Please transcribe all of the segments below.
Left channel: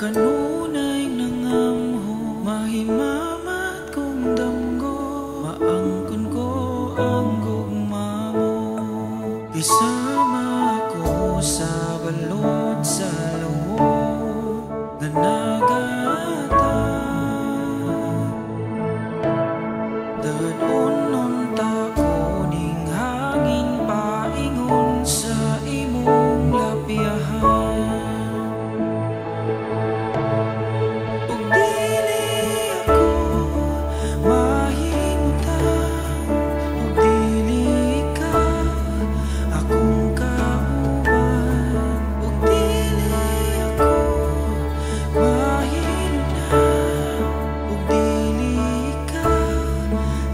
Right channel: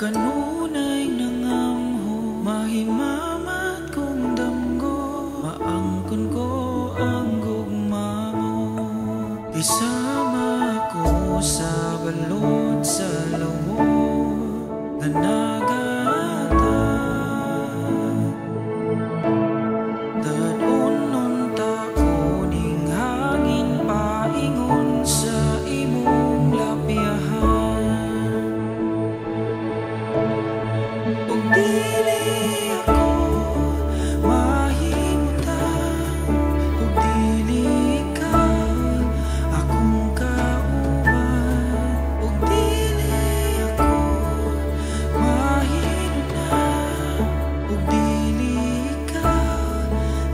Kanunay nangamho, mahimamat kong damgo, maangkon ko ang gugma mo. Isama ko sa balod sa loob na nagata. Dadon ta ko ning hangin paingon sa imong lapiahan.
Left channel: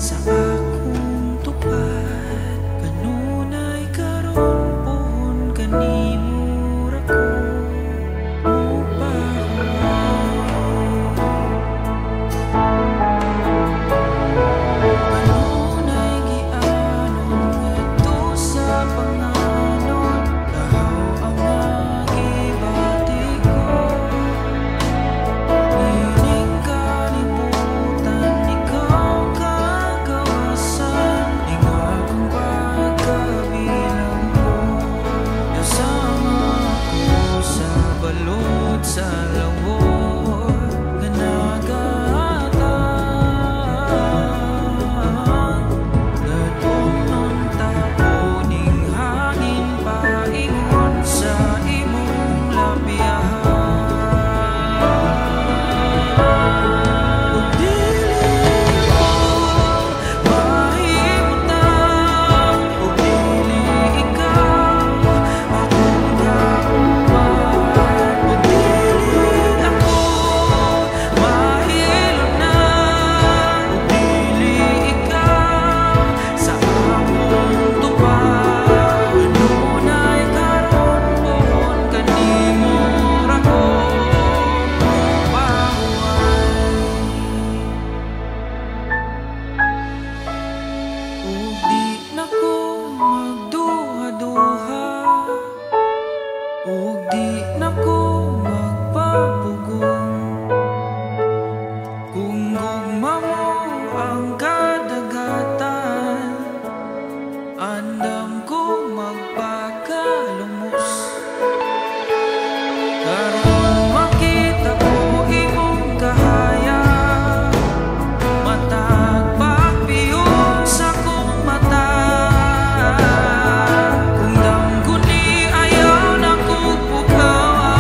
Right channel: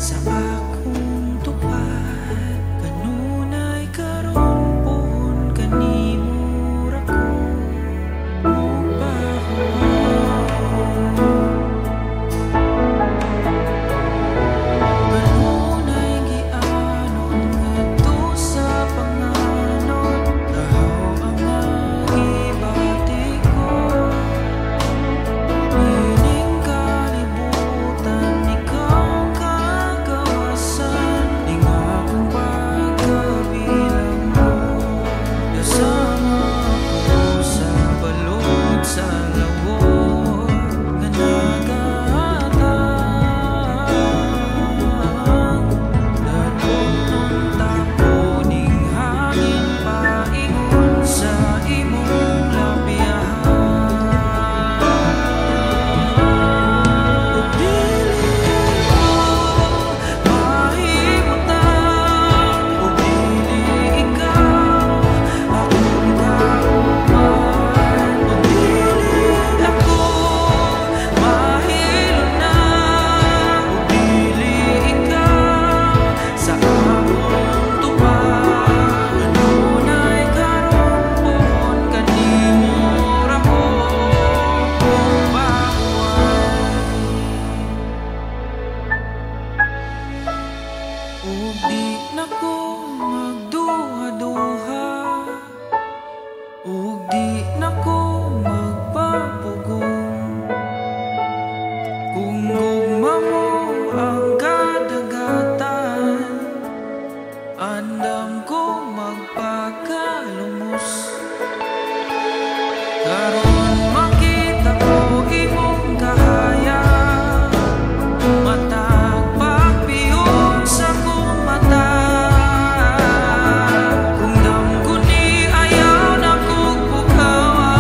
Sa akong tupad, kanunay karon pohon kanimura ko mupahuay. Kanunay gianon ngadto sa panganon, kahaw ang magibati ko. Ining kalibutan ikaw sa lawor nga nagatang. Dadonon tapo ning hangin paingon sa imong lapiahan. Ug dili ko mahimutang, ug dili ikaw akong kauban, ug ug di nako magduha-duha, ug di nako magpapugong. Kung gugma mo ang kadagatan, andam ko magpakalumos. Karon makita ko imong kahaya, matag pagpiyon sa kong mata. Kung damguni ayaw na kong pukawa,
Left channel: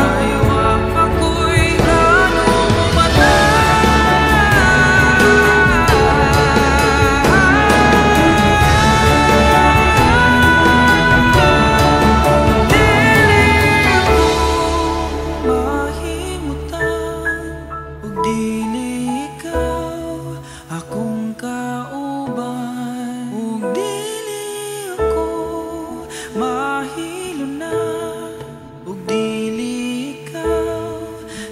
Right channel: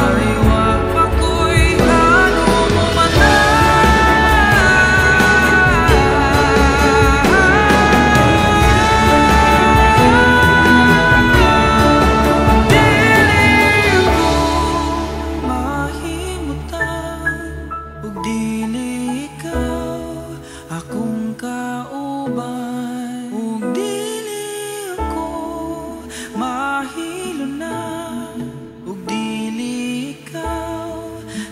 kay wa pa ko'y plano mo mata. Dili ko mahimutan, ug dili ikaw akong kauban, ug dili ako mahilunan, ug dili ikaw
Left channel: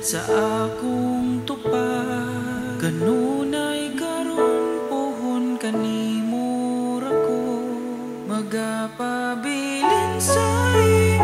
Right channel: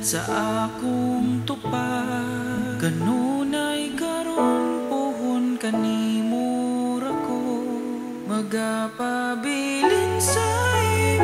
sa akong tupad. Kanunay karon pohon kanimura ko, magapabilin sa iyo.